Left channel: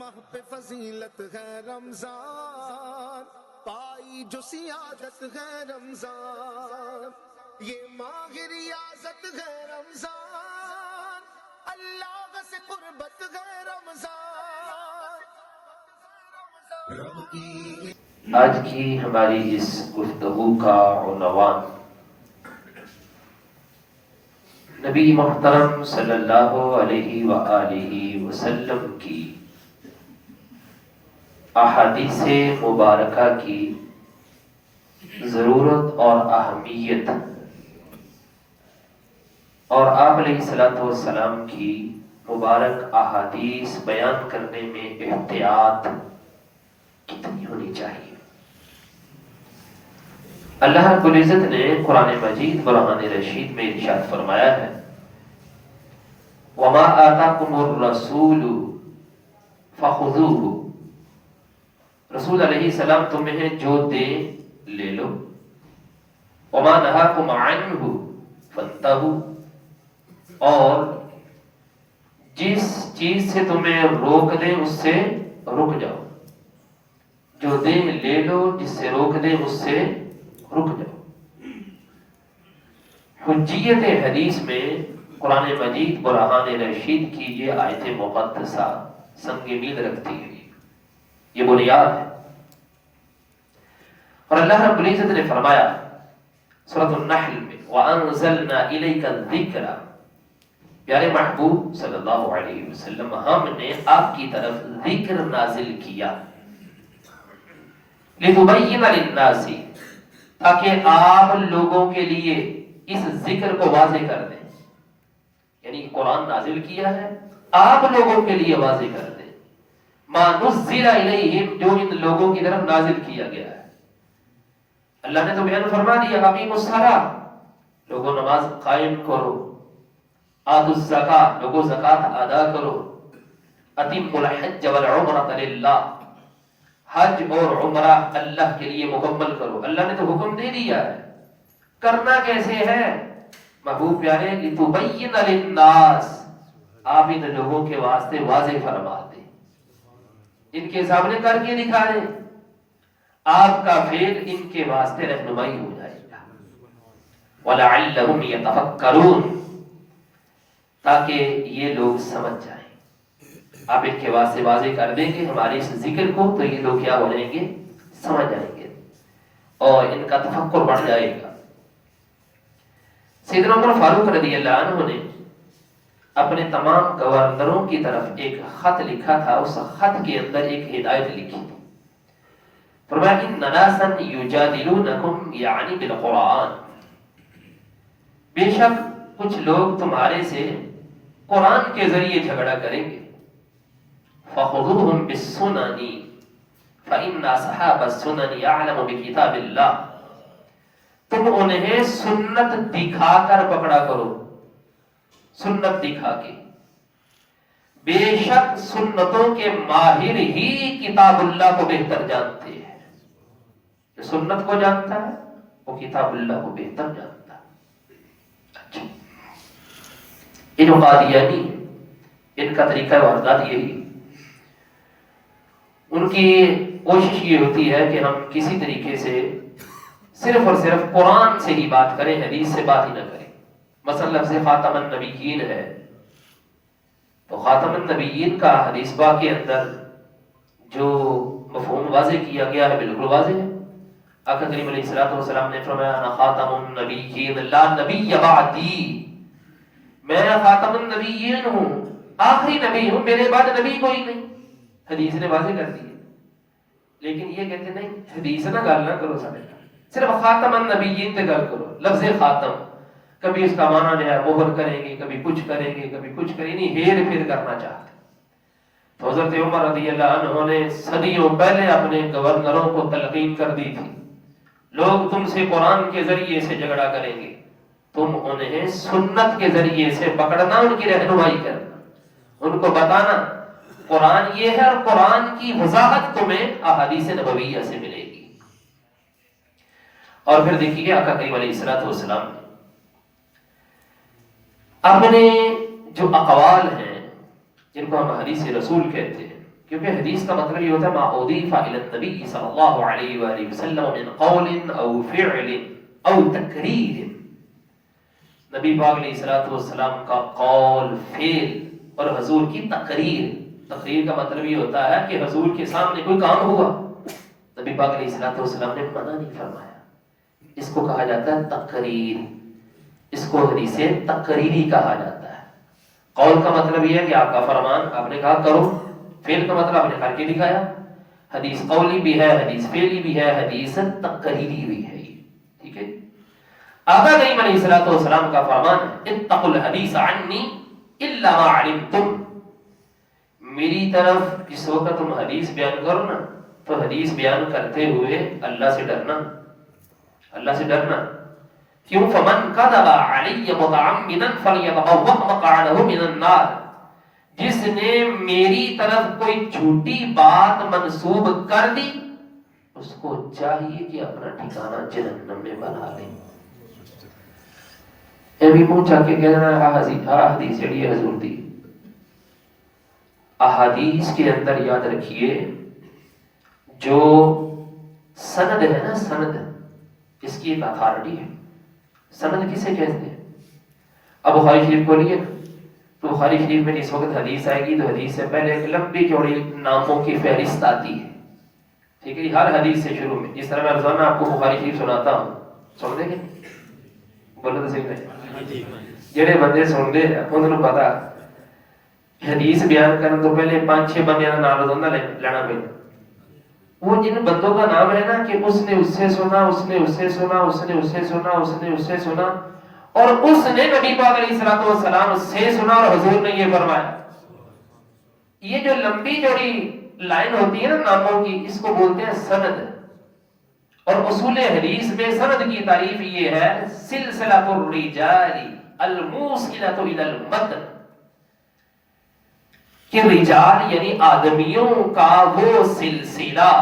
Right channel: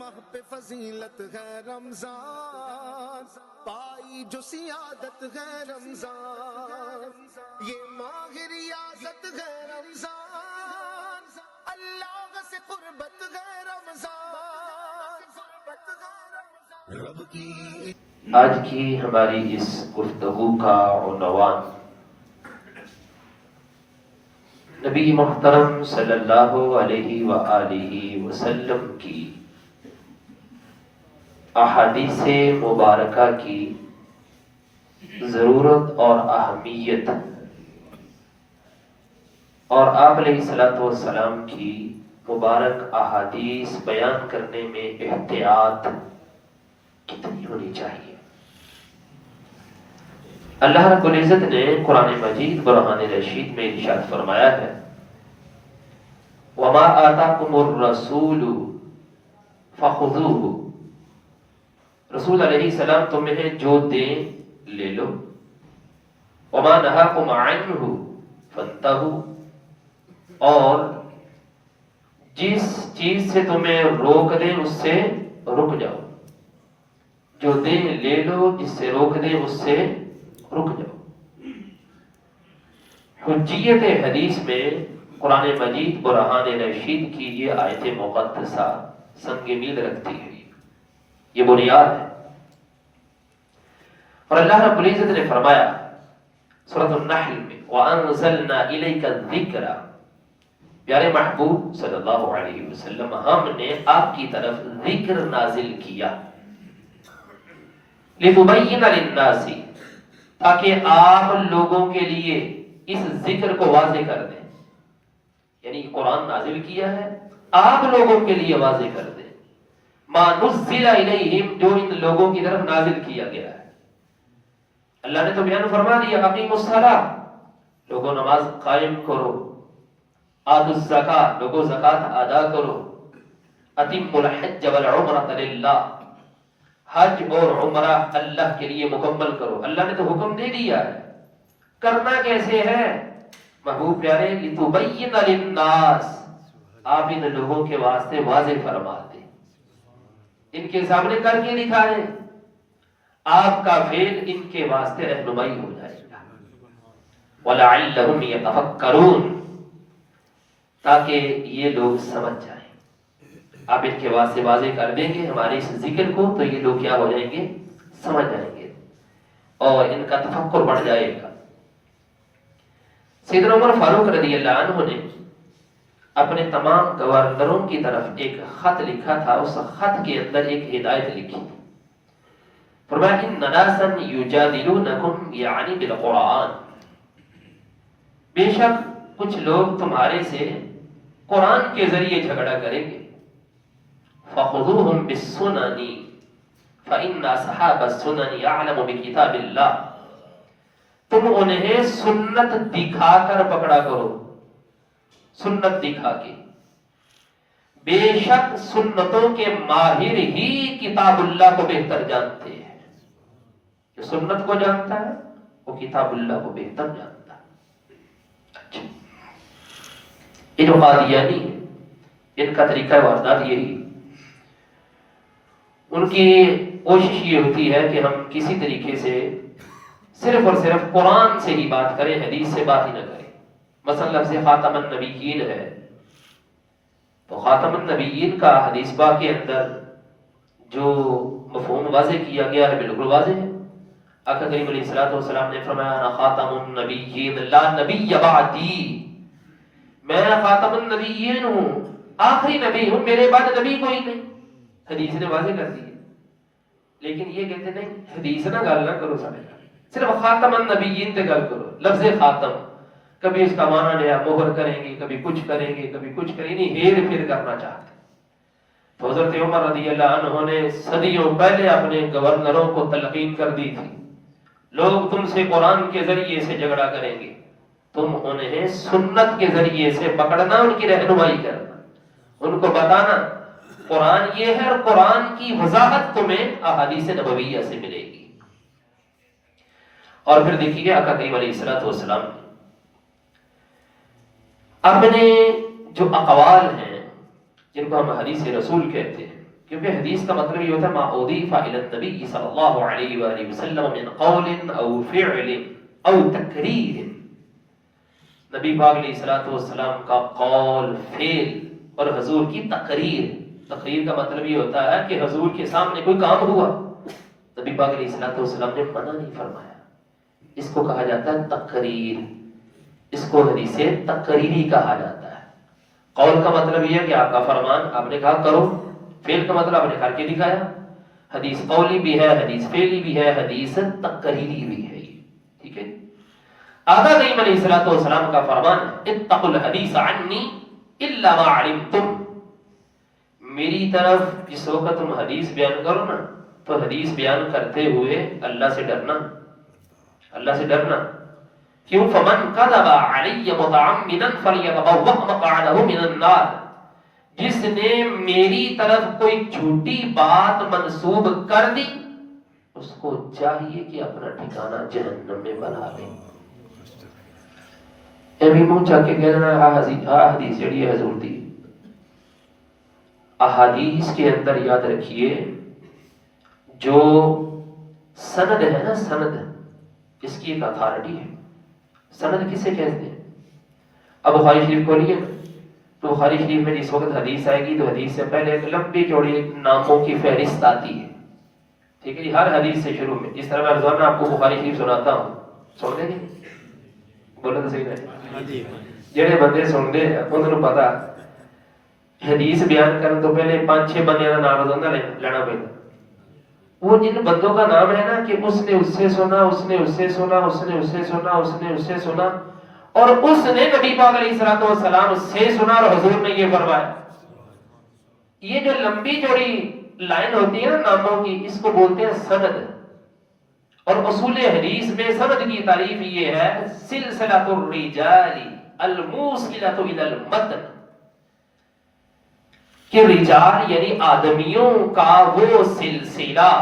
ماہ پہ فضیلت ہے رمضان، پائی جو سیادت ہے رمضان، یہ ماہ ریاضت ہے رمضان، اللہ سے قربت ہے رمضان۔ آج کی ہماری اس گفتگو کا عنوان نبی محترم صلی اللہ علیہ وآلہ وسلم کی احادیث مبارکہ کی ضرورت اور اہمیت، اور آپ علیہ الصلوۃ والسلام کی مبارک احادیث بیان کرنے میں احتیاط کتنی ہونی چاہیے۔ اللہ رب العزت نے قرآن مجید برہان رشید میں ارشاد فرمایا ہے، وَمَا آتَاكُمُ الرَّسُولُ فَخُذُوهُ، رسول علیہ السلام تمہیں جو دے لے لو، وَمَا نَهَاكُمْ عَنْهُ فَانْتَهُوا، اور جس چیز سے تمہیں روک دیں اس سے رک جاؤ، جو دے لے لو، جس سے روک دیں اس سے رک جاؤ۔ حجیت حدیث میں قرآن مجید برہان رشید کی یہ آیت مقدسہ سنگ میل رکھتی ہے، یہ بنیاد ہے۔ اور اللہ رب العزت نے فرمایا سورۃ النحل میں، وَأَنزَلْنَا إِلَيْكَ الذِّكْرَ، پیارے محبوب صلی اللہ علیہ وسلم، ہم نے آپ کی طرف ذکر نازل کیا، لِتُبَيِّنَ لِلنَّاسِ، تاکہ آپ لوگوں کے لیے اس ذکر کو واضح کر دیں، یعنی قرآن نازل کیا ہے آپ لوگوں کے لیے واضح کر دیں، مَا نُزِّلَ إِلَيْهِمْ، جو ان لوگوں کی طرف نازل کیا گیا ہے۔ اللہ نے تو بیان فرما دیا، اقیموا الصلاۃ، لوگوں نماز قائم کرو، آتوا الزکاۃ، لوگوں زکوٰۃ ادا کرو، اتموا الحج والعمرۃ للہ، حج اور عمرہ اللہ کے لیے مکمل کرو۔ اللہ نے تو حکم دے دیا ہے، کرنا کیسے ہے محبوب پیارے؟ لِتُبَيِّنَ لِلنَّاسِ، آپ ان لوگوں کے واسطے واضح فرما دیں، ان کے سامنے کر کے دکھا دیں، آپ کا فعل ان کے واسطے رہنمائی ہو جائے گا۔ وَلَعَلَّهُمْ يَتَفَكَّرُونَ، تاکہ یہ لوگ سمجھ جائیں۔ آپ ان کے واسطے واضح کر دیں گے ہمارے اس ذکر کو، تو یہ لوگ کیا ہو جائیں گے؟ سمجھ جائیں گے، اور ان کا تفکر بڑھ جائے گا۔ سیدنا عمر فاروق رضی اللہ عنہ نے اپنے تمام گورنروں کی طرف ایک خط لکھا تھا، اس خط کے اندر ایک ہدایت لکھی تھی، فرمایا کہ ناسا یجادلونکم یعنی بالقرآن، بے شک کچھ لوگ تمہارے سے قرآن کے ذریعے جھگڑا کریں گے، فخذوہم بالسنن فإن أصحاب السنن أعلم بکتاب اللہ، تم انہیں سنت دکھا کر پکڑا کرو، سنت دکھا کے، بے شک سنتوں کے ماہر ہی کتاب اللہ کو بہتر جانتے ہیں، جو سنت کو جانتا ہے وہ کتاب اللہ کو بہتر جانتا ہے۔ اچھا، یہ جو قادیانی ہے، ان کا طریقہ واردات یہی، ان کی کوشش یہ ہوتی ہے کہ ہم کسی طریقے سے صرف اور صرف قرآن سے ہی بات کریں، حدیث سے بات ہی نہ کریں۔ مثلا لفظ خاتم النبیین ہے، تو خاتم النبیین کا حدیث پاک کے اندر جو مفہوم واضح کیا گیا ہے بالکل واضح ہے۔ آقا کریم علیہ الصلوۃ والسلام نے فرمایا، انا خاتم النبیین لا نبی بعدی، میں خاتم النبیین ہوں، آخری نبی ہوں، میرے بعد نبی کوئی نہیں، حدیث نے واضح کر دی۔ لیکن یہ کہتے نہیں، حدیث نہ گل نہ کرو، صرف خاتم النبیین سے گل کرو۔ لفظ خاتم کبھی اس کا معنی نیا مہر کریں گے، کبھی کچھ کریں گے، کبھی کچھ کریں گے، ہیر پھیر کرنا چاہتے۔ تو حضرت عمر رضی اللہ عنہ نے صدیوں پہلے اپنے گورنروں کو تلقین کر دی تھی، لوگ تم سے قرآن کے ذریعے سے جھگڑا کریں گے، تم انہیں سنت کے ذریعے سے پکڑنا، ان کی رہنمائی کرنا، ان کو بتانا قرآن یہ ہے، اور قرآن کی وضاحت تمہیں احادیث نبویہ سے ملے گی۔ اور پھر دیکھیے آقا کریم علیہ الصلوۃ والسلام اپنے جو اقوال ہیں، جن کو ہم حدیث رسول کہتے ہیں، کیونکہ حدیث کا مطلب یہ ہوتا ہے ما اضیف الی النبی صلی اللہ علیہ وآلہ وسلم من قول او فعل او تقریر، نبی پاک علیہ الصلوۃ والسلام کا قول، فعل اور حضور کی تقریر. تقریر کا مطلب یہ ہوتا ہے کہ حضور کے سامنے کوئی کام ہوا، نبی پاک علیہ الصلوۃ والسلام نے منع نہیں فرمایا، اس کو کہا جاتا ہے تقریر. اس کو حدیث تقریری کہا جاتا ہے. قول کا مطلب یہ ہے کہ آپ کا فرمان، آپ نے کہا کرو. فعل کا مطلب آپ نے کر کے دکھایا. حدیث قولی بھی ہے، حدیث فعلی بھی ہے، حدیث تقریری بھی ہے. ٹھیک ہے. آقا کریم علیہ الصلوۃ والسلام کا فرمان اتقوا الحدیث عنی الا ما علمتم، میری طرف جس وقت تم حدیث بیان کرو نا تو حدیث بیان کرتے ہوئے اللہ سے ڈرنا، اللہ سے ڈرنا. کیوں؟ فمن کذب علی متعمدا فلیتبوأ مقعدہ من النار، جس نے میری طرف کوئی جھوٹی بات منسوب کر دی اس کو چاہیے کہ اپنا ٹھکانہ جہنم میں بنا لے. ابھی منہ چاہ کے کہہ رہا ہے حدیث جڑی ہے حضور دی. احادیث کے اندر یاد رکھیے جو سند ہے نا، سند اس کی ایک اتھارٹی ہے. سند کسے کہتے ہیں؟ اب بخاری شریف کو لیے تو بخاری شریف میں اس وقت حدیث آئے گی تو حدیث سے پہلے ایک لمبی چوڑی ناموں کی فہرست آتی ہے. ٹھیک ہے جی. ہر حدیث سے شروع میں، جس طرح میں روزانہ آپ کو بخاری شریف سناتا ہوں، سن لیں گے؟ بولے تو صحیح ہے. جڑے بندے سن دے انہوں نے پتا حدیث بیان کرنے تو پہلے 5-6 بندیاں کا نام روزانہ لینا پہلے. وہ جن بندوں کا نام ہے نا کہ اس نے اس سے سنا، اس نے اس سے سنا، اس نے اس سے سنا، اس نے اس سے سنا، اور اس نے نبی پاک علیہ الصلوۃ والسلام سے سنا اور حضور نے یہ فرمایا. یہ جو لمبی چوڑی لائن ہوتی ہے نا ناموں کی، اس کو بولتے ہیں سند. اور اصول حدیث میں سند کی تعریف یہ ہے سلسلۃ الرجال الموصلۃ الی المتن، کہ رجال یعنی آدمیوں کا وہ سلسلہ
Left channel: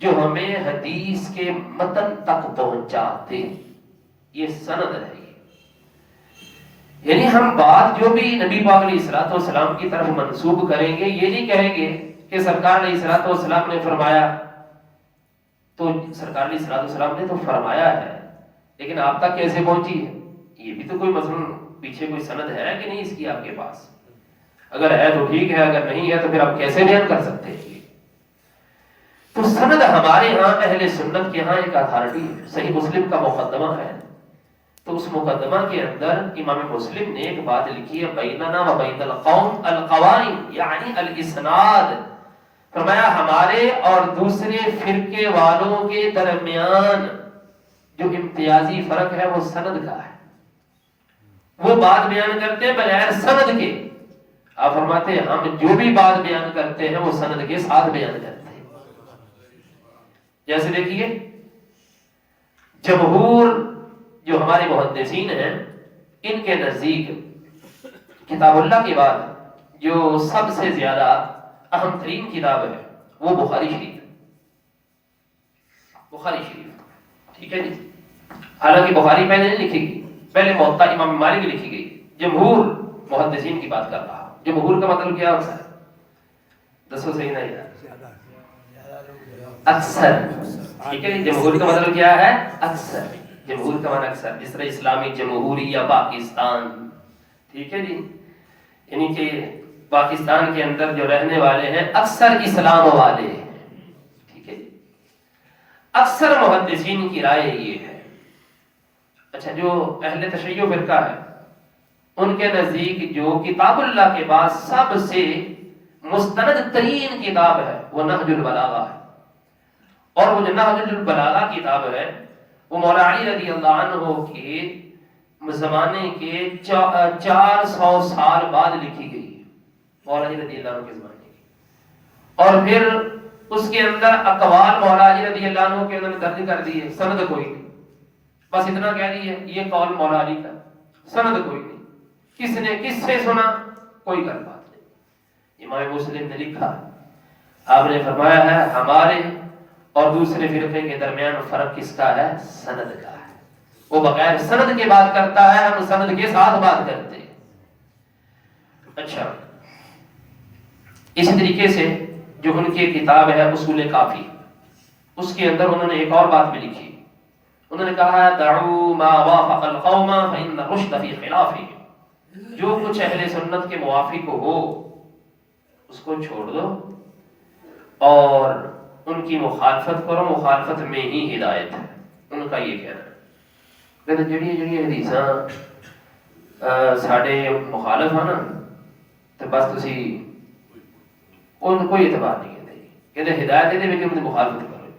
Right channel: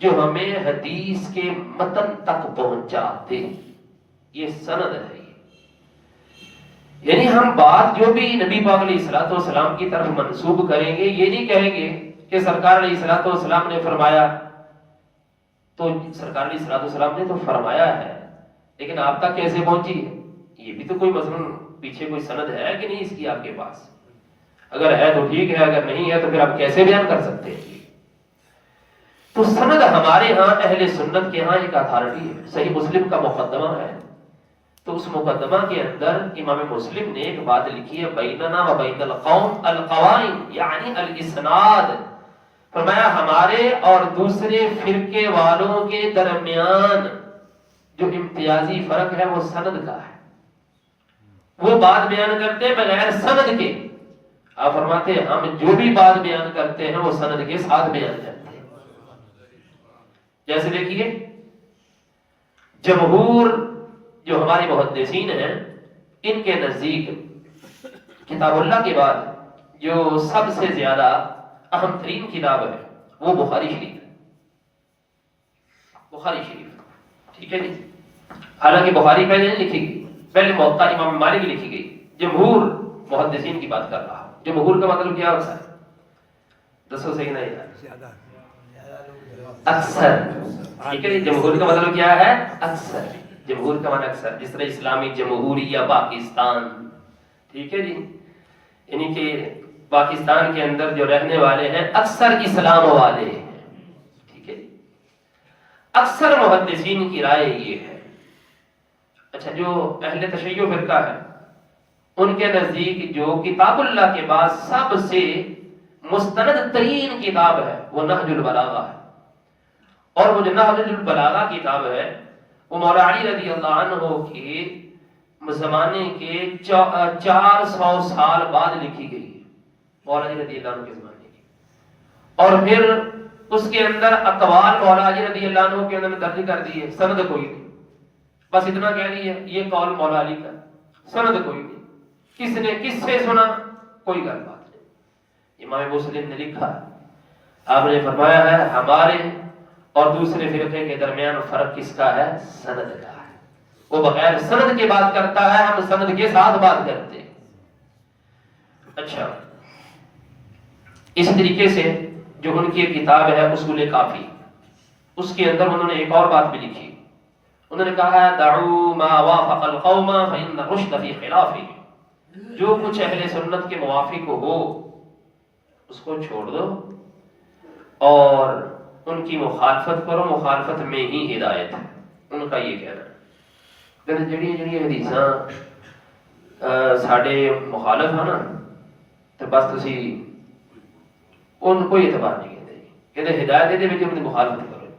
جو ہمیں حدیث کے متن تک پہنچاتے، یہ سند ہے. یعنی ہم بات جو بھی نبی پاک علیہ الصلوۃ والسلام کی طرف منسوب کریں گے، یہ نہیں کہیں گے کہ سرکار علیہ الصلوۃ والسلام نے فرمایا، تو سرکار علیہ الصلوۃ والسلام نے تو فرمایا ہے لیکن آپ تک کیسے پہنچی ہے؟ یہ بھی تو کوئی مثلا پیچھے کوئی سند ہے کہ نہیں اس کی آپ کے پاس؟ اگر ہے تو ٹھیک ہے، اگر نہیں ہے تو پھر آپ کیسے بیان کر سکتے ہیں؟ تو سند ہمارے ہاں اہل سنت کے ہاں ایک اتھارٹی ہے. صحیح مسلم کا مقدمہ ہے تو اس مقدمہ کے اندر امام مسلم نے ایک بات لکھی ہے بیننا و بین القوم القوائم، یعنی الاسناد. فرمایا ہمارے اور دوسرے فرقے والوں کے درمیان جو امتیازی فرق ہے وہ سند کا ہے. وہ بات بیان کرتے ہیں بغیر سند کے. آپ فرماتے ہیں ہم جو بھی بات بیان کرتے ہیں وہ سند کے ساتھ بیان کرتے ہیں. جیسے دیکھیے جمہور جو ہمارے محدثین ہیں، ان کے نزدیک کتاب اللہ کے بعد جو سب سے زیادہ اہم ترین کتاب ہے وہ بخاری شریف ہے. بخاری شریف، ٹھیک ہے جی. حالانکہ بخاری پہلے نہیں لکھی گئی، پہلے موطا امام مالک کی لکھی گئی. جمہور محدثین کی بات کر رہا. جمہور کا مطلب کیا ہوتا ہے؟ دسو صحیح نہیں یار. اکثر، ٹھیک ہے. جمہور کا مطلب کیا ہے؟ اکثر. جمہور کا معنی اکثر، جس طرح اسلامی جمہوریہ پاکستان، ٹھیک ہے جی، یعنی کہ پاکستان کے اندر جو رہنے والے ہیں اکثر اسلام والے ہیں. ٹھیک ہے. اکثر محدثین کی رائے یہ ہے. اچھا، جو اہل تشیع فرقہ ہے ان کے نزدیک جو کتاب اللہ کے بعد سب سے مستند ترین کتاب ہے وہ نہج البلاغہ ہے. اور وہ جو نہج البلاغہ کتاب ہے وہ مولا علی رضی اللہ عنہ کے زمانے کے 400 سال بعد لکھی گئی ہے. مولا علی رضی اللہ عنہ کے زمانے کی. اور پھر اس کے اندر اقوال مولا علی رضی اللہ عنہ کے اندر درج کر دیے، سند کوئی نہیں. بس اتنا کہہ رہی ہے یہ قول مولا علی کا، سند کوئی نہیں. کس نے کس سے سنا کوئی گل بات نہیں. امام مسلم نے لکھا، آپ نے فرمایا ہے ہمارے اور دوسرے فرقے کے درمیان فرق کس کا ہے؟ سند کا ہے. وہ بغیر سند کے بات کرتا ہے، ہم سند کے ساتھ بات کرتے ہیں. اچھا، اسی طریقے سے جو ان کی کتاب ہے اصول کافی، اس کے اندر انہوں نے ایک اور بات بھی لکھی. انہوں نے کہا دعوا ما وافق القوم فإن الرشد فی خلافہ، جو کچھ اہل سنت کے موافق ہو اس کو چھوڑ دو اور ان کی مخالفت کرو، مخالفت میں ہی ہدایت ہے. ان کا یہ کہنا ہے کہ جڑی حدیثاں ساڈے مخالف ہیں نا تو بس تسی ان کوئی اعتبار نہیں کرتے، کہتے ہدایت دے وچ اپنی مخالفت کرو.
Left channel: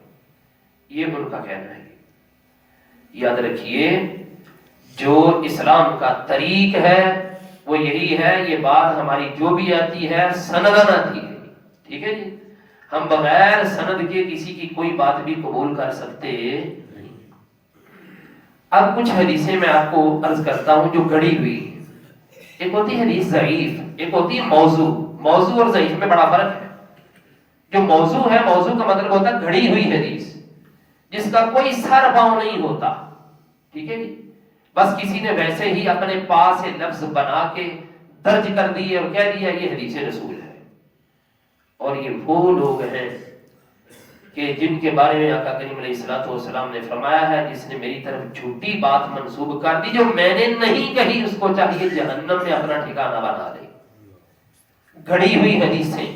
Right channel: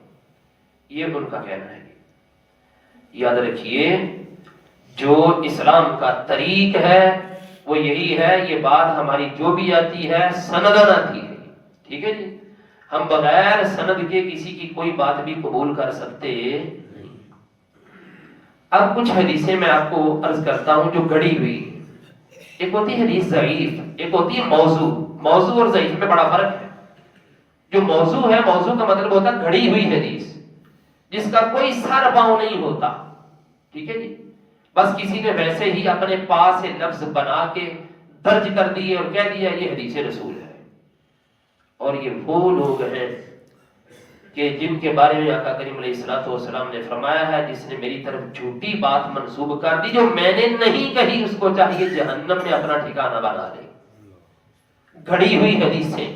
یہ ان کا کہنا ہے. یاد رکھیے جو اسلام کا طریق ہے وہ یہی ہے. یہ بات ہماری جو بھی آتی ہے سندن آتی ہے، ٹھیک ہے جی. ہم بغیر سند کے کسی کی کوئی بات بھی قبول کر سکتے نہیں. اب کچھ حدیثیں میں آپ کو عرض کرتا ہوں جو گڑی ہوئی. ایک ہوتی ہے حدیث ضعیف، ایک ہوتی ہے موضوع. موضوع اور ضعیف میں بڑا فرق ہے. جو موضوع ہے، موضوع کا مطلب ہوتا ہے گھڑی ہوئی حدیث جس کا کوئی سر پاؤں نہیں ہوتا، ٹھیک ہے جی. بس کسی نے ویسے ہی اپنے پاس سے لفظ بنا کے درج کر دیے اور کہہ دیا یہ حدیث رسول ہے. اور یہ وہ لوگ ہیں کہ جن کے بارے میں آقا کریم علیہ الصلوۃ والسلام نے فرمایا ہے جس نے میری طرف جھوٹی بات منسوب کر دی جو میں نے نہیں کہی اس کو چاہیے جہنم میں اپنا ٹھکانہ بنا لے. گھڑی ہوئی حدیثیں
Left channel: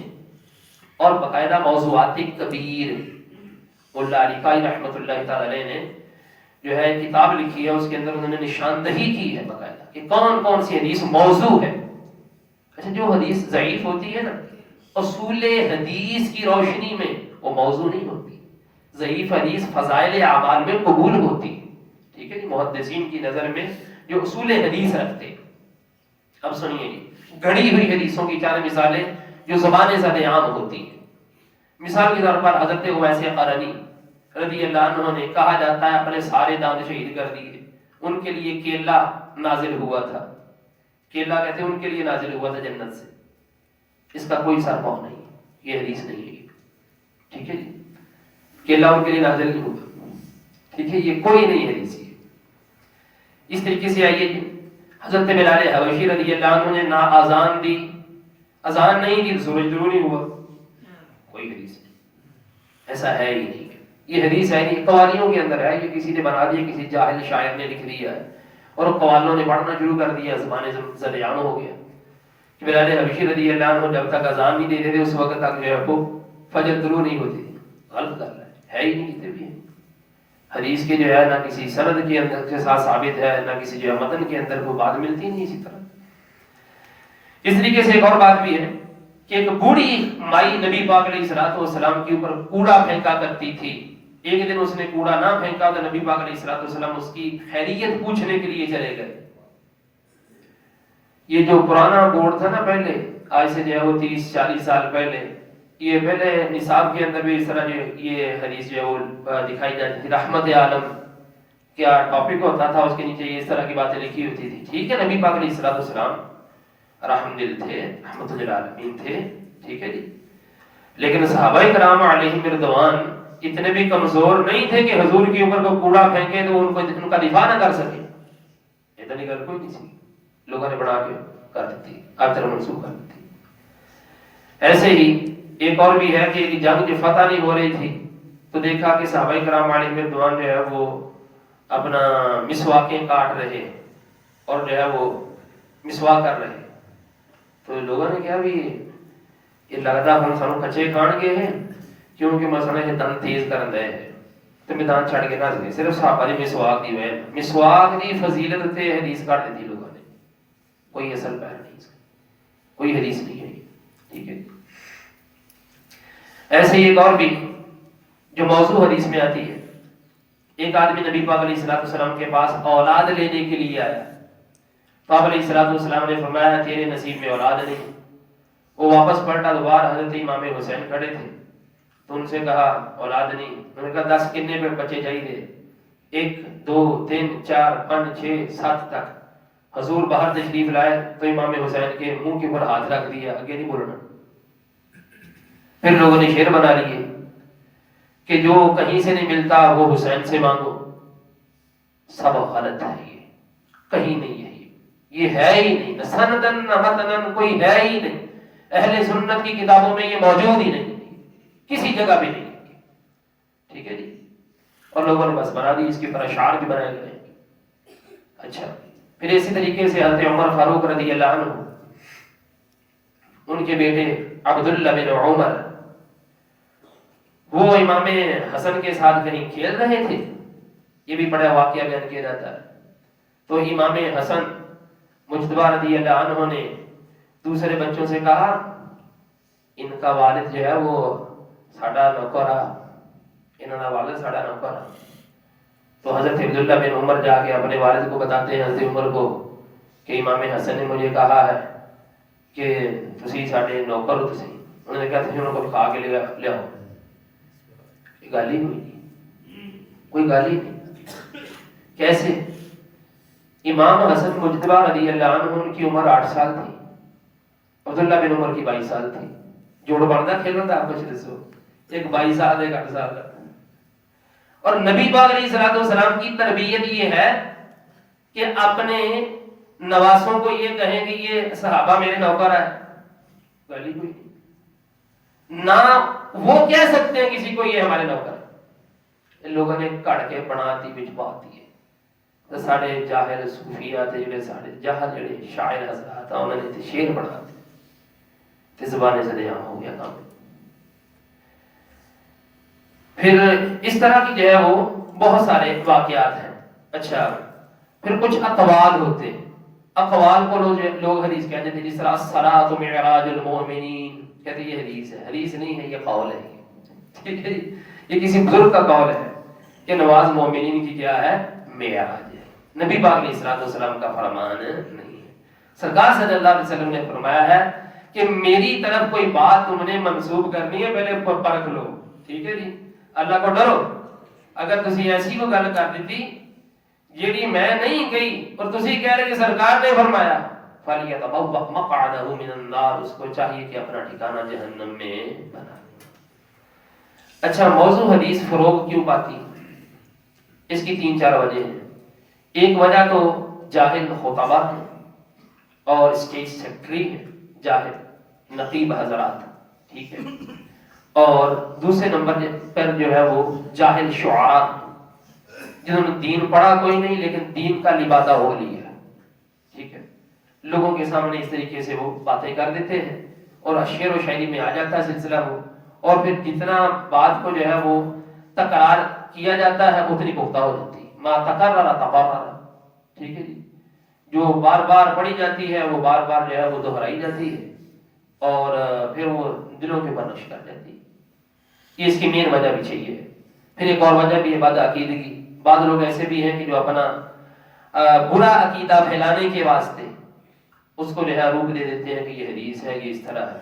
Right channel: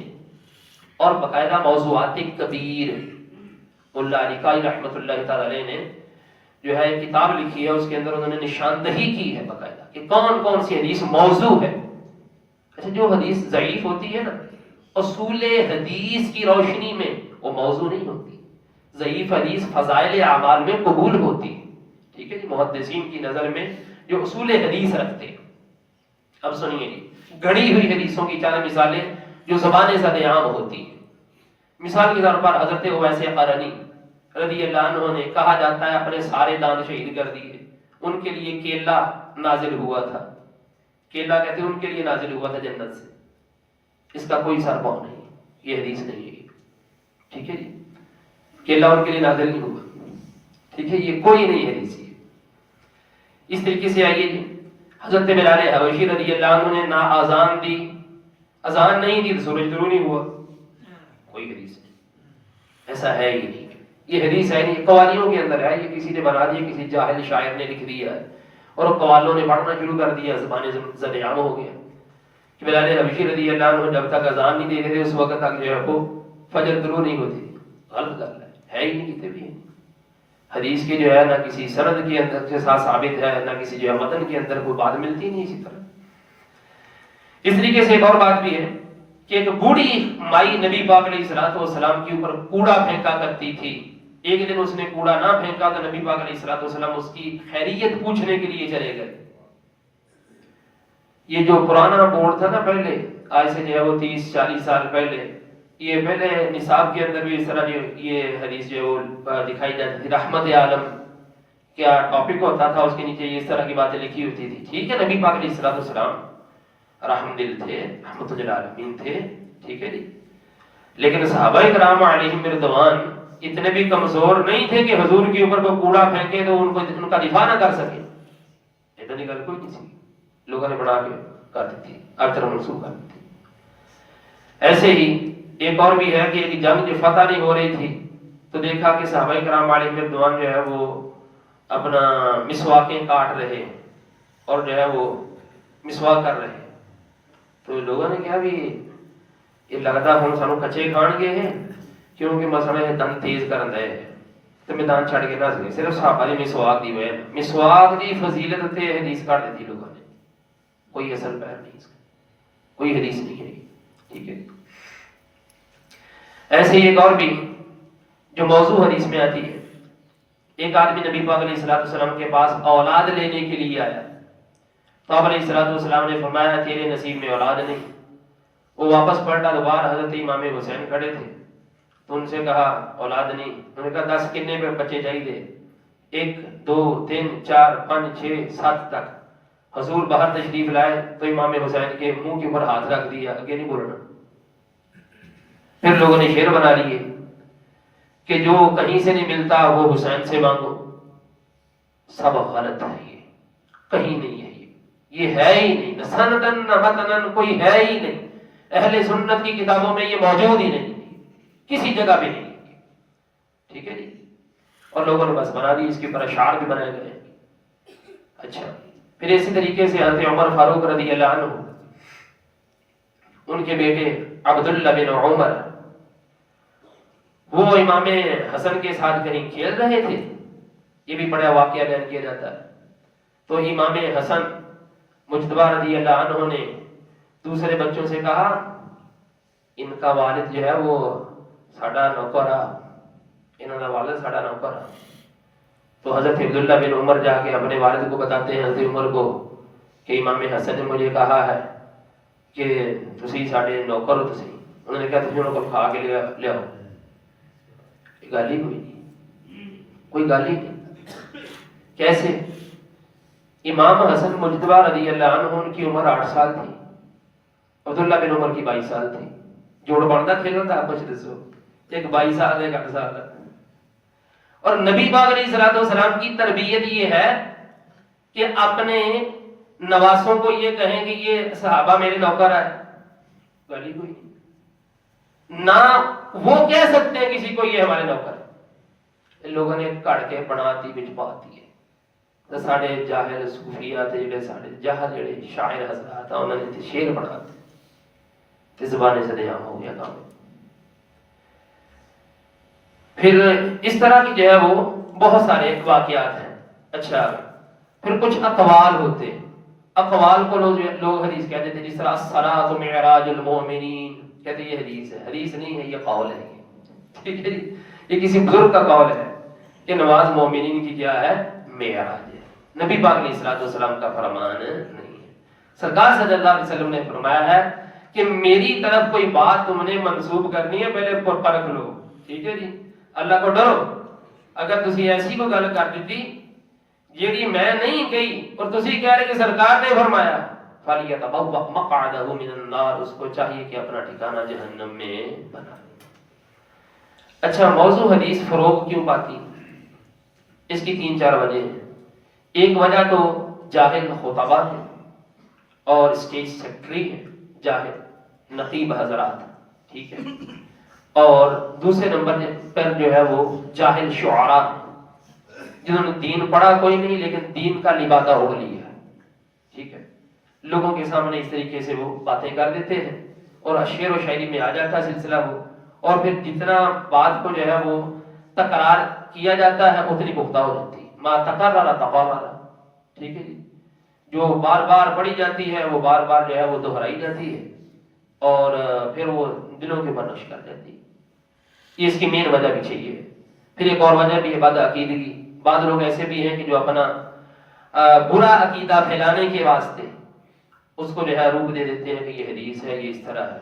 اور باقاعدہ موضوعات کبیر. اللہ علی قاری رحمۃ اللہ تعالی علیہ نے جو ہے کتاب لکھی ہے، اس کے اندر انہوں نے نشاندہی کی ہے باقاعدہ کہ کون کون سی حدیث موضوع ہے. اچھا جو حدیث ضعیف ہوتی ہے نا اصول حدیث کی روشنی میں وہ موضوع نہیں ہوتی. ضعیف حدیث فضائل اعمال میں قبول ہوتی ہے، ٹھیک ہے جی. محدثین کی نظر میں جو اصول حدیث رکھتے ہیں. اب سنیے جی گھڑی ہوئی حدیثوں کی 4 مثالیں جو زبان زد عام ہوتی ہیں. مثال کے طور پر حضرت اویس قرنی رضی اللہ عنہ نے کہا جاتا ہے اپنے سارے دان شہید کر دیے. ان کے لیے کیلا نازل ہوا تھا. کیلا کہتے ہیں ان کے لیے نازل ہوا تھا جنت سے. اس کا کوئی سر پاؤں نہیں، یہ حدیث نہیں ہے، ٹھیک ہے جی. کیلا ان کے لیے نازل نہیں ہوا، ٹھیک ہے. یہ کوئی نہیں حدیث ہے. اس طریقے سے آئیے جی حضرت بلال حبشی رضی اللہ عنہ نے نہ اذان دی، اذان نہیں دی تو سورج طلوع نہیں ہوا. کوئی حدیث نہیں، ایسا ہے ہی نہیں. یہ حدیث ہے نہیں. قوالیوں کے اندر ہے، یہ کسی نے بنا دیا، کسی جاہل شاعر نے لکھ دیا ہے اور قوالوں نے پڑھنا شروع کر دیا. زبان زد عام ہو گیا. بلال حبشی رضی اللہ عنہ جب تک اذان نہیں دیتے تھے اس وقت تک جو ہے وہ فجر طلوع نہیں ہوتی تھی. غلط کر رہا ہے ہی نہیں. کتنے بھی حدیث کے جو ہے نہ کسی سند کے اندر کے ساتھ ثابت ہے نہ کسی جو ہے متن کے اندر کوئی بات ملتی نہیں. اسی طرح اس طریقے سے ایک اور بات بھی ہے کہ ایک بوڑھی مائی نبی پاک علیہ الصلوۃ والسلام کے اوپر کوڑا پھینکا کرتی تھی. ایک دن اس نے کوڑا نہ پھینکا تو نبی پاک علیہ الصلوۃ والسلام اس کی خیریت پوچھنے کے لیے چلے گئے. یہ جو پرانا بورڈ تھا نا پہلے، آج سے جو ہے وہ 30-40 سال پہلے، یہ پہلے نصاب کے اندر بھی اس طرح جو یہ حدیث جو ہے وہ دکھائی جاتی تھی. رحمت عالم کیا ٹاپک ہوتا تھا، اس کے نیچے اس طرح کی باتیں لکھی ہوتی تھی. ٹھیک ہے نبی پاک علیہ الصلوۃ والسلام رحم دل تھے، رحمت للعالمین تھے، ٹھیک ہے جی. لیکن صحابہ کرام علیہم رضوان اتنے بھی کمزور نہیں تھے کہ حضور کے اوپر کو کوڑا پھینکے تو ان کا دفاع نہ کر سکے. اتنی گل کوئی نہیں سی، لوگوں نے بنا کے کر دیتی، اب طرح منسوخ کر دیتی. ایسے ہی ایک اور بھی ہے کہ جنگ جو فتح نہیں ہو رہی تھی تو دیکھا کہ صحابہ کرام علیہم رضوان جو ہے وہ اپنا مسواکیں کاٹ رہے اور جو ہے وہ مسواک کر رہے. تو لوگوں نے کہا بھی یہ لگتا ہوں سانو کچے کھان گے ہیں کیونکہ مسئلہ یہ دم تیز کر رہے ہیں تو میدان چھڑ کے نہ سکے. صرف صحابہ نے مسواک دی ہوئے، مسواک کی فضیلت تے حدیث کاٹ دیتی لوگوں نے. کوئی اصل پیر نہیں اس کا، کوئی حدیث نہیں ہے، ٹھیک ہے. ایسے ہی ایک اور بھی جو موضوع حدیث میں آتی ہے. ایک آدمی نبی پاک علیہ الصلوۃ والسلام کے پاس اولاد لینے کے لیے آیا تو آپ علیہ الصلوۃ والسلام نے فرمایا تیرے نصیب میں اولاد نہیں. وہ واپس پلٹا تو باہر حضرت امام حسین کھڑے تھے تو ان سے کہا اولاد نہیں. انہوں نے کہا 10 کتنے پہ بچے چاہیے؟ 1 2 3 4 5 6 7 تک. حضور باہر تشریف لائے تو امام حسین کے منہ کے اوپر ہاتھ رکھ دیا، آگے نہیں بولنا. پھر لوگوں نے شعر بنا لیے کہ جو کہیں سے نہیں ملتا وہ حسین سے مانگو. سب غلط ہے، یہ کہیں نہیں ہے، یہ ہے ہی نہیں. نہ سندن نہ متنن کوئی ہے ہی نہیں. اہل سنت کی کتابوں میں یہ موجود ہی نہیں، کسی جگہ پہ نہیں، ٹھیک ہے جی، اور لوگوں نے بس بنا دی، اس کے اوپر اشعار بھی بنائے گئے۔ اچھا، پھر اسی طریقے سے حضرت عمر فاروق رضی اللہ عنہ، ان کے بیٹے عبداللہ بن عمر، وہ امام حسن کے ساتھ کہیں کھیل رہے تھے، یہ بھی بڑا واقعہ بیان کیا جاتا ہے۔ تو امام حسن مجتبی رضی اللہ عنہ نے دوسرے بچوں سے کہا ان کا والد جو ہے وہ ساڈا نوکر آ، انہوں کا والد ساڈا نوکر آ۔ تو حضرت عبداللہ بن عمر جا کے اپنے والد کو بتاتے ہیں، حضرت عمر کو، کہ امام حسن نے مجھے کہا ہے کہ تسی ساڈے نوکر ہو تسی۔ انہوں نے کہا تسی انہوں کو کھا کے لے آؤ۔ گالی کوئی گالی نہیں۔ کیسے؟ امام حسن مجتبی رضی اللہ عنہ ان کی عمر 8 سال تھی، عبداللہ بن عمر کی 22 سال تھی، جوڑ بڑھتا کھیل رہا تھا، کچھ دسو، ایک 22 سال ایک 8 سال کا۔ اور نبی پاک علیہ الصلوۃ والسلام کی تربیت یہ ہے کہ اپنے نواسوں کو یہ کہیں کہ یہ صحابہ میرے نوکر ہے، گالی کوئی نہیں۔ نہ وہ کہہ سکتے ہیں کسی کو یہ ہمارے نوکر ہے، ان لوگوں نے کڑ کے بناتی بچ پاتی ہے۔ ساڑھے جاہل صوفیہ تھے جڑے ساڑھے جاہل جڑے شاعر حضرات انہوں نے تے شعر بناتے تے زبانیں سے عام ہو گیا کام۔ پھر اس طرح کی جو ہے وہ بہت سارے واقعات ہیں۔ اچھا، پھر کچھ اقوال ہوتے، اقوال کو لوگ حدیث کہتے تھے، جس طرح الصلاۃ معراج المؤمنین، کہتے یہ حدیث ہے، حدیث نہیں ہے، یہ قول ہے، ٹھیک ہے، یہ کسی بزرگ کا قول ہے کہ نماز مومنین کی کیا ہے؟ معراج ہے، نبی پاک علیہ الصلوۃ والسلام کا فرمان نہیں ہے۔ سرکار صلی اللہ علیہ وسلم نے فرمایا ہے کہ میری طرف کوئی بات تم نے منسوب کرنی ہے پہلے پرکھ لو، ٹھیک ہے جی، اللہ کو ڈرو۔ اگر تسی ایسی کو گل کر دیتی جیڑی میں نہیں کہی اور تسی کہہ رہے کہ سرکار نے فرمایا، فَلْيَتَبَوَّأْ مَقْعَدَهُ مِنَ النَّارِ، اس کو چاہیے کہ اپنا ٹھکانہ جہنم میں بنا۔ اچھا، موضوع حدیث فروغ کیوں پاتی؟ اس کی 3-4 وجہ ہیں۔ ایک وجہ تو جاہل خطبہ ہیں اور اسٹیج سیکرٹری ہیں، جاہل نقیب حضرات، ٹھیک ہے، اور دوسرے نمبر پر جو ہے وہ جاہل شعراء جنہوں نے دین پڑھا کوئی نہیں لیکن دین کا لبادہ ہو لیا، ٹھیک ہے، لوگوں کے سامنے اس طریقے سے وہ باتیں کر دیتے ہیں اور شعر و شاعری میں آ جاتا ہے سلسلہ وہ، اور پھر جتنا بات کو جو ہے وہ تکرار کیا جاتا ہے اتنی پختہ ہو جاتی ہے، ما تکرر تکرر، ٹھیک ہے جی، جو بار بار پڑھی جاتی ہے وہ بار بار جو ہے وہ دہرائی جاتی ہے اور پھر وہ دلوں کے اوپر نقش کر جاتی ہے۔ یہ اس کی مین وجہ بھی چاہیے ہے۔ پھر ایک اور وجہ بھی ہے بد عقیدگی۔ بعض لوگ ایسے بھی ہیں کہ جو اپنا برا عقیدہ پھیلانے کے واسطے اس کو جو ہے روپ دے دیتے ہیں کہ یہ حدیث ہے، یہ اس طرح ہے،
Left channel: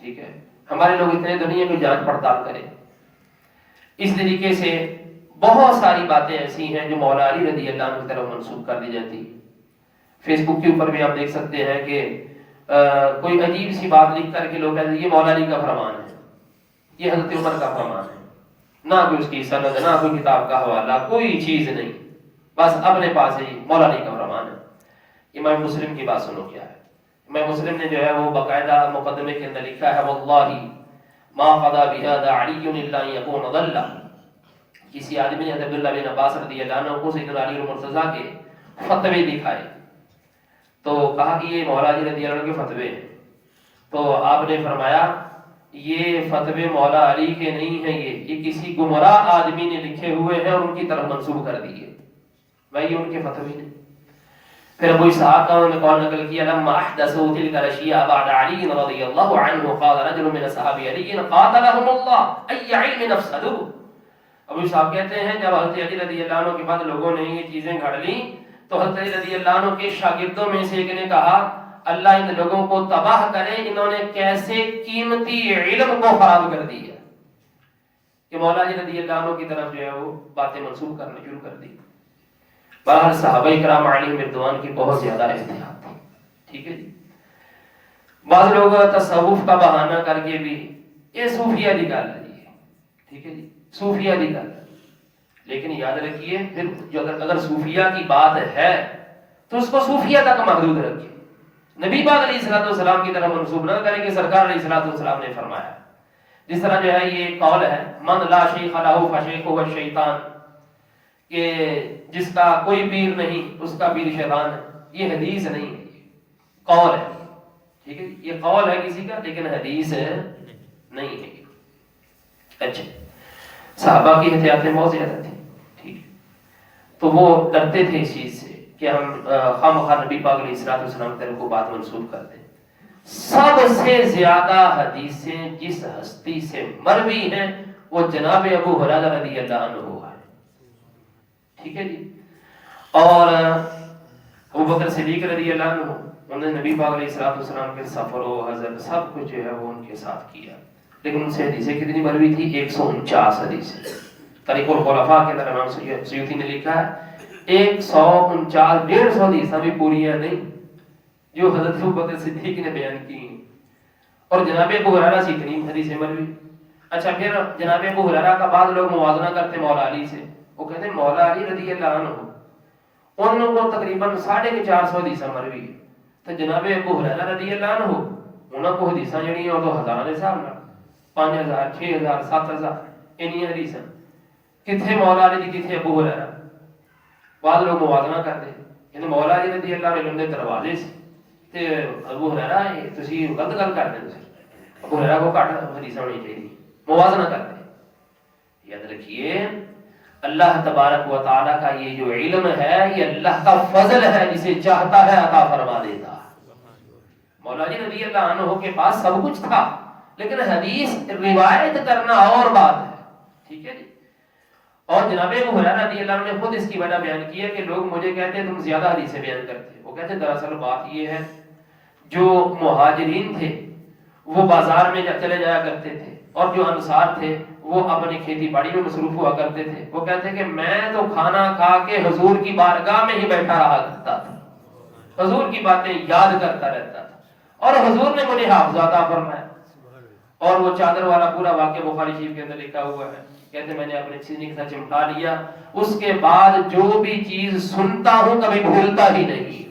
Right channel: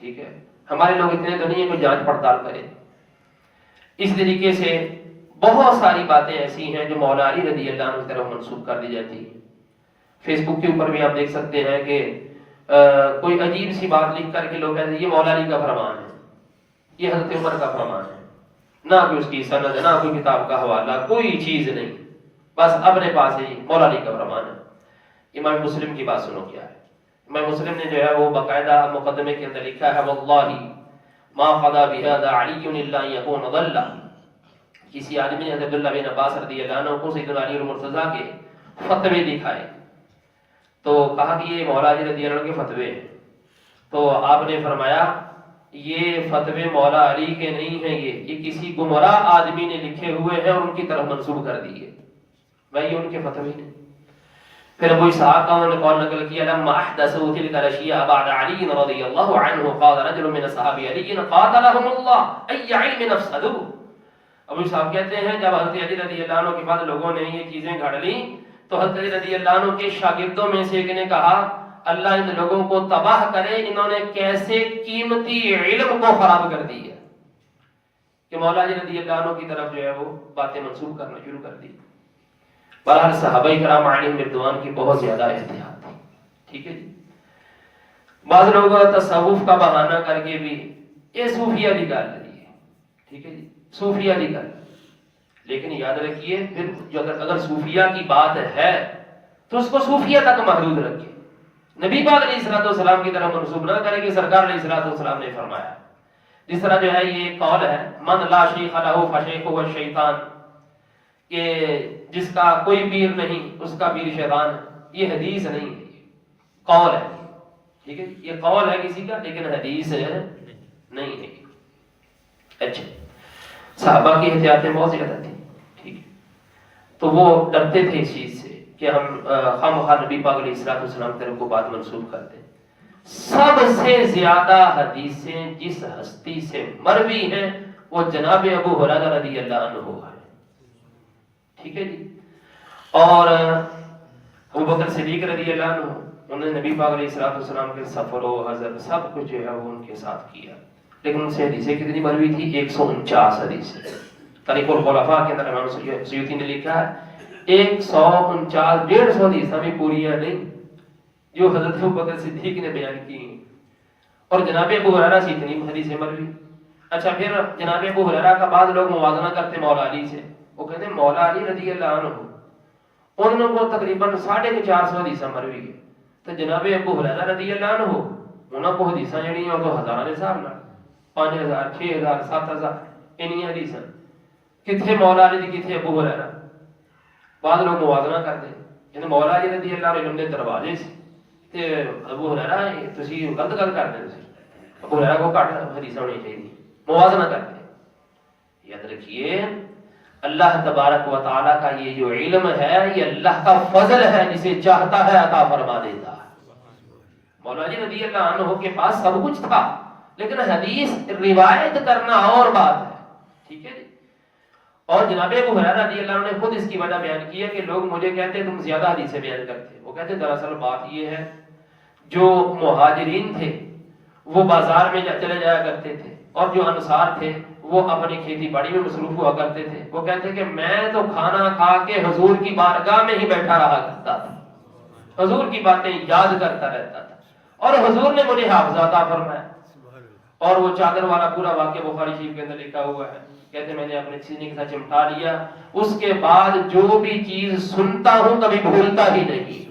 ٹھیک ہے۔ ہمارے لوگ اتنے تو نہیں ہیں کہ جانچ پڑتال کرے۔ اس طریقے سے بہت ساری باتیں ایسی ہیں جو مولا علی رضی اللہ عنہ کی طرف منسوب کر دی جاتی ہیں۔ فیس بک کے اوپر بھی آپ دیکھ سکتے ہیں کہ کوئی عجیب سی بات لکھ کر کے لوگ کہتے ہیں یہ مولا علی کا فرمان ہے، یہ حضرت عمر کا فرمان ہے، نہ کوئی اس کی سند، نہ کوئی کتاب کا حوالہ، کوئی چیز نہیں، بس اپنے پاس ہی مولا علی کا فرمان ہے۔ امام مسلم کی بات سنو کیا ہے۔ امام مسلم نے جو ہے وہ باقاعدہ مقدمے کے اندر لکھا ہے واللہ ما قضى بهذا علی الا ان يكون ضل۔ کسی آدمی نے حضرت عبداللہ بن عباس رضی اللہ عنہ کو سیدنا علی المرتضیٰ کے فتوے دکھائے تو کہا کہ یہ مولا علی رضی اللہ عنہ کے فتوے ہیں، تو آپ نے فرمایا یہ فتوے مولا علی کے نہیں ہیں، یہ کسی گمراہ آدمی نے لکھے ہوئے ہیں اور ان کی طرف منسوب کر دیے، بھائی ان کے فتوے نہیں۔ پھر ابو اسحاق کا انہوں نے قول نقل کیا لما احدثوا تلك الاشياء بعد علي رضي الله عنه قال رجل من اصحاب علي قاتلهم الله اي علم افسدوا۔ ابو اسحاق کہتے ہیں جب حضرت علی رضی اللہ عنہ کے بعد لوگوں نے یہ چیزیں گھڑ لی تو حضرت علی رضی اللہ عنہ کے شاگردوں میں سے ایک نے کہا اللہ ان لوگوں کو تباہ کرے، انہوں نے کیسے قیمتی علم کو خراب کر دیا کہ مولا علی رضی اللہ عنہ کی طرف جو ہے وہ باتیں منسوب کرنا شروع کر دی۔ بہرحال صحابہ کرام علیہم رضوان کی بہت زیادہ احتیاط تھی، ٹھیک ہے جی۔ بعض لوگ تصوف کا بہانہ کر کے بھی یہ صوفیہ کی گل ہے، ٹھیک ہے جی، صوفیہ کی گل، لیکن یاد رکھیے پھر جو اگر صوفیہ کی بات ہے تو اس کو صوفیہ تک محدود رکھیں، نبی پاک علیہ السلام کی طرف منسوب نہ کریں کہ سرکار علیہ السلام نے فرمایا. جس طرح جو ہے یہ قول ہے من لا شیخ لہ فشیخہ الشیطان، کہ جس کا کوئی پیر نہیں اس کا پیر شیطان ہے. یہ حدیث نہیں ہے، قول ہے. ٹھیک ہے، یہ قول ہے کسی کا لیکن حدیث نہیں ہے. اچھا، صحابہ کی احتیاطیں بہت زیادہ تھی. ٹھیک ہے، تو وہ ڈرتے تھے اس چیز سے کہ ہم خواہ نبی پاک علیہ السلام کی طرف کو بات منسوخ کرتے. سب سے زیادہ حدیثیں جس ہستی سے مروی ہیں وہ جناب ابو ہریرہ رضی اللہ عنہ ہے. ٹھیک ہے جی. اور ابو بکر صدیق رضی اللہ عنہ، انہوں نے نبی پاک علیہ السلام کے سفر و حضر سب کچھ جو ہے وہ ان کے ساتھ کیا، لیکن ان سے حدیثیں کتنی مروی تھی؟ 149 حدیثیں. طریق الخلفاء کے اندر امام سیوطی نے لکھا ہے 149 150 حدیثیں بھی پوریاں نہیں جو حضرت ابو بکر صدیق نے بیان کی. اور جناب ابو ہریرہ سے اتنی حدیثیں مروی. اچھا، پھر جناب ابو ہریرہ کا بعض لوگ موازنہ کرتے مولا علی سے، وہ کہتے ہیں مولا علی رضی اللہ عنہ ان کو تقریباً 450 حدیثیں مروی ہے. تو جناب ابو ہریرہ رضی اللہ عنہ انہوں کو حدیثیں جڑی ہیں تو ہزاراں دے حساب نال 5000 6000 7000 انہی حدیثیں کتنے مولا علی دی کتنے ابو ہریرہ. بعض لوگ موازنہ کرتے ہیں مولا علی رضی اللہ عنہ دے دروازے سے تے ابو ہریرہ تسی غلط گل کرتے ہیں. ابو ہریرہ کو گھٹ حدیث ہونی چاہیے، موازنہ کرتے ہیں. یاد رکھیے اللہ تبارک و تعالیٰ کا یہ جو علم ہے یہ اللہ کا فضل ہے، جسے چاہتا ہے عطا فرما دیتا ہے. مولا علی رضی اللہ عنہ کے پاس سب کچھ تھا لیکن حدیث روایت کرنا اور بات ہے. ٹھیک ہے جی. اور جناب ابو ہریرہ رضی اللہ عنہ نے خود اس کی وجہ بیان کی ہے کہ لوگ مجھے کہتے ہیں تم زیادہ حدیثیں بیان کرتے. وہ کہتے ہیں دراصل بات یہ ہے جو مہاجرین تھے وہ بازار میں چلے جایا کرتے تھے اور جو انصار تھے وہ اپنی کھیتی باڑی میں مصروف ہوا کرتے تھے. وہ کہتے ہیں کہ میں تو کھانا کھا کے حضور کی بارگاہ میں ہی بیٹھا رہا کرتا تھا، حضور کی باتیں یاد کرتا رہتا تھا اور حضور نے مجھے حافظ عطا فرمایا. اور وہ چادر والا پورا واقعہ بخاری شریف کے اندر لکھا ہوا ہے. کہتے میں نے اپنے سینے کے ساتھ چمٹا لیا، اس کے بعد جو بھی چیز سنتا ہوں کبھی بھولتا ہی نہیں.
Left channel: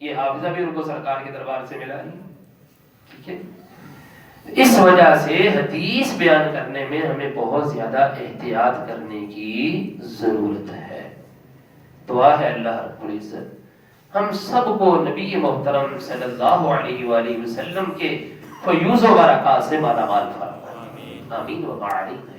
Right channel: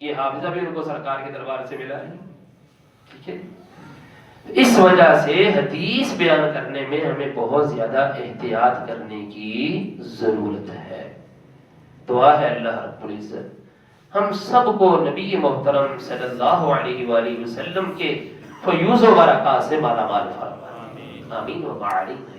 یہ حافظہ بھی ان کو سرکار کے دربار سے ملا ہے. ٹھیک ہے. اس وجہ سے حدیث بیان کرنے میں ہمیں بہت زیادہ احتیاط کرنے کی ضرورت ہے. دعا ہے اللہ رب العزت ہم سب کو نبی محترم صلی اللہ علیہ وآلہ وسلم کے فیوز و برکات سے مالا مال فرمائے. آمین و آمین.